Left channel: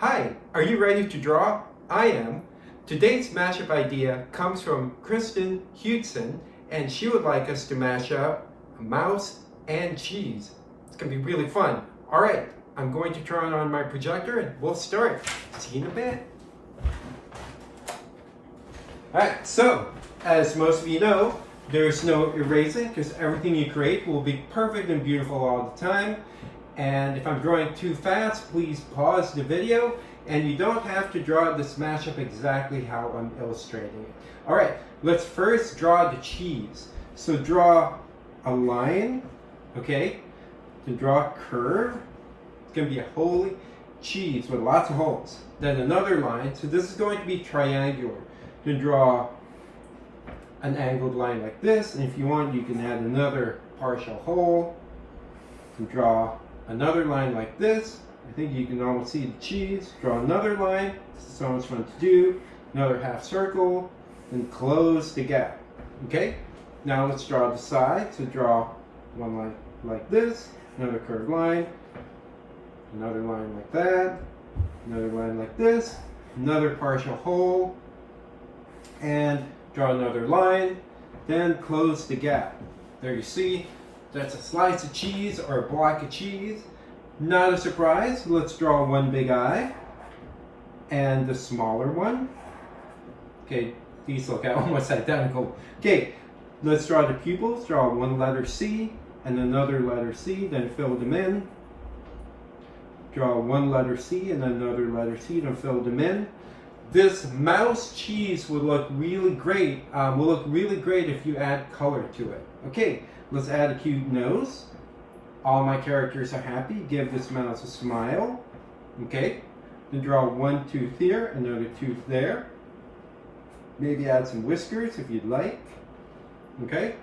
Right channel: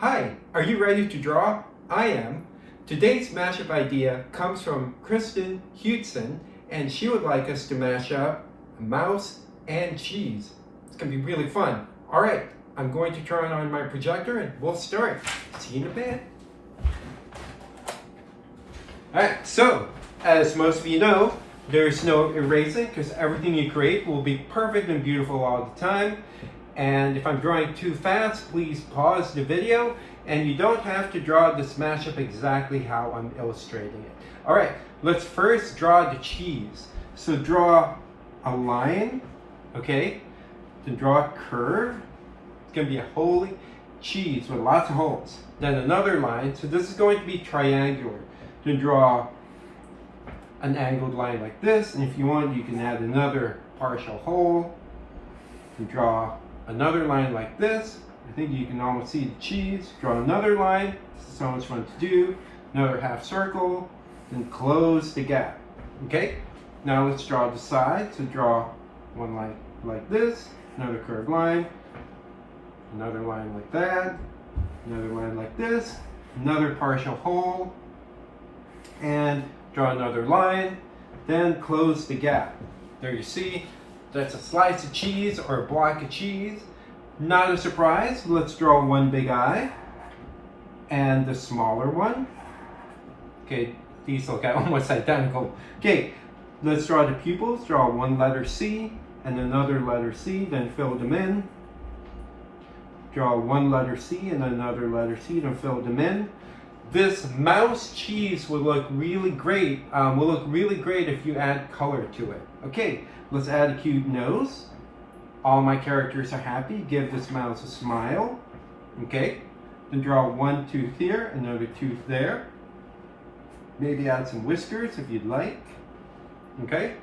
Hi, are you ready to draw? I am. Today's mashup idea comes from Kristen Huteson, and she would like us to mash up a mouse and cheese. It's going to be really fun. All right, I'm going to turn on my projector and we'll start. See you in a bit. All right, so as most of you know, there's no erasing because everything you create will be perfect and beautiful all the time. And if I'm drawing too fast, please pause the video, and you don't have to draw this mashup exactly how I'm illustrating it. All right, let's first draw the cheese. So draw a line, okay? Then draw a curve. It's gonna be a holy cheese with lots of holes. Then another line, so this is going to be triangular. Then draw an angled line like this, and if you want, you can add another partial hole. And draw another line like this. I think you can almost see the cheese. Draw another line. This is so much fun to do. Another half circle. Then close the gap. Okay? Now let's draw the side. So draw one line like this. Another curved line. Another line like that. Another line like this. Another partial hole. And draw another line. Then close the gap. There you see. That's a slice of cheese or a block of cheese. Not a surprise. Let's draw one big eye and the smaller one. Okay, these look almost identical. Okay, let's draw the pupils. Draw one letter C and another letter C, then fill them in. Draw one letter C and another letter C, then fill them in. This mouse cheese will look really great. If you add color to it. Okay, let's add a cute nose. All my characters are happy. Give this mouse a smile. Okay, then draw one tooth here, another tooth there. Maybe add some whiskers if you'd like. Okay,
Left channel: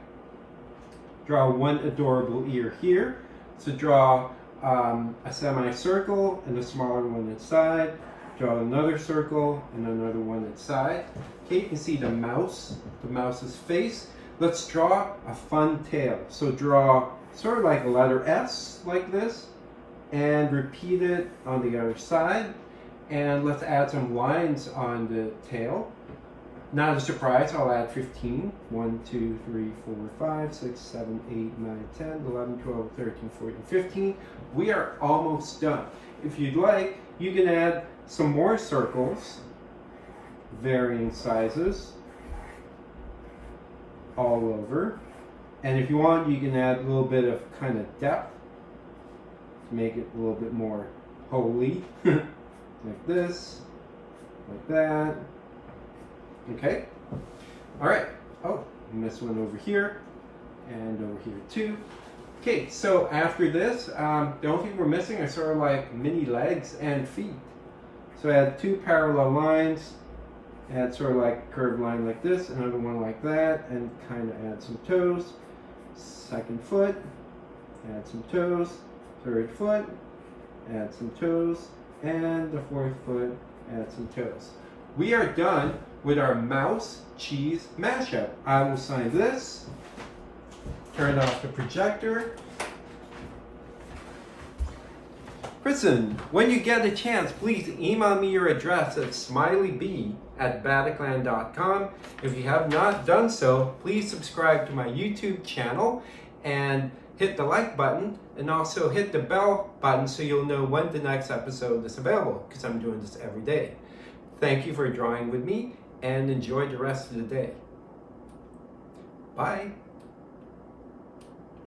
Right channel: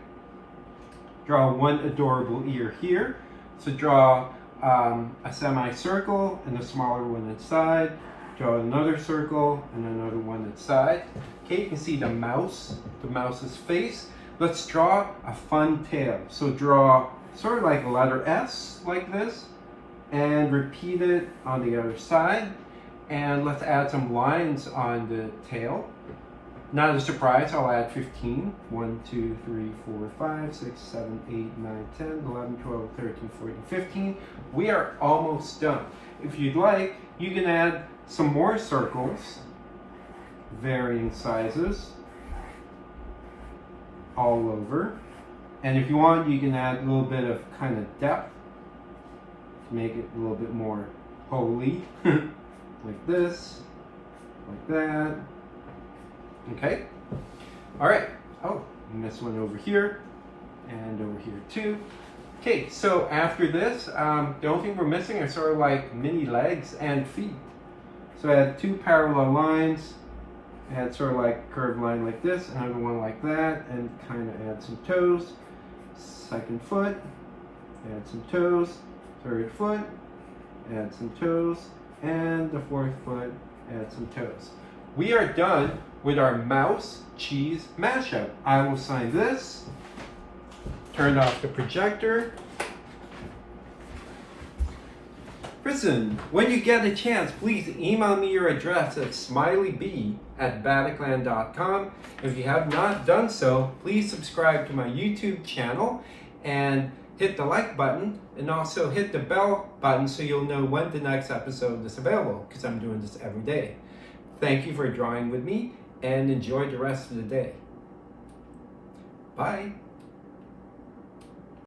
draw one adorable ear here. So draw a semicircle and a smaller one inside. Draw another circle and another one inside. Okay, you can see the mouse's face. Let's draw a fun tail. So draw sort of like a letter S like this and repeat it on the other side. And let's add some lines on the tail. Not a surprise, I'll add 15. 1, 2, 3, 4, 5, 6, 7, 8, 9, 10, 11, 12, 13, 14, 15. We are almost done. If you'd like, you can add some more circles, varying sizes, all over. And if you want, you can add a little bit of kind of depth to make it a little bit more holy. Like this, like that. Okay. All right. Oh, missed one over here and over here too. Okay, so after this, the only thing we're missing are sort of like mini legs and feet. So add two parallel lines, add sort of like a curved line like this, another one like that, and kind of add some toes. Second foot, add some toes. Third foot, add some toes. And the fourth foot, add some toes. We are done with our mouse cheese mashup. I will sign this. Turn off the projector. Kristen, when you get a chance, please email me your address at smileyb@badicland.com. If you have not done so, please subscribe to my YouTube channel and hit the like button, and also hit the bell button so you'll know when the next episode is available, because I'm doing this every day. Thank you for drawing with me, and enjoy the rest of the day. Bye.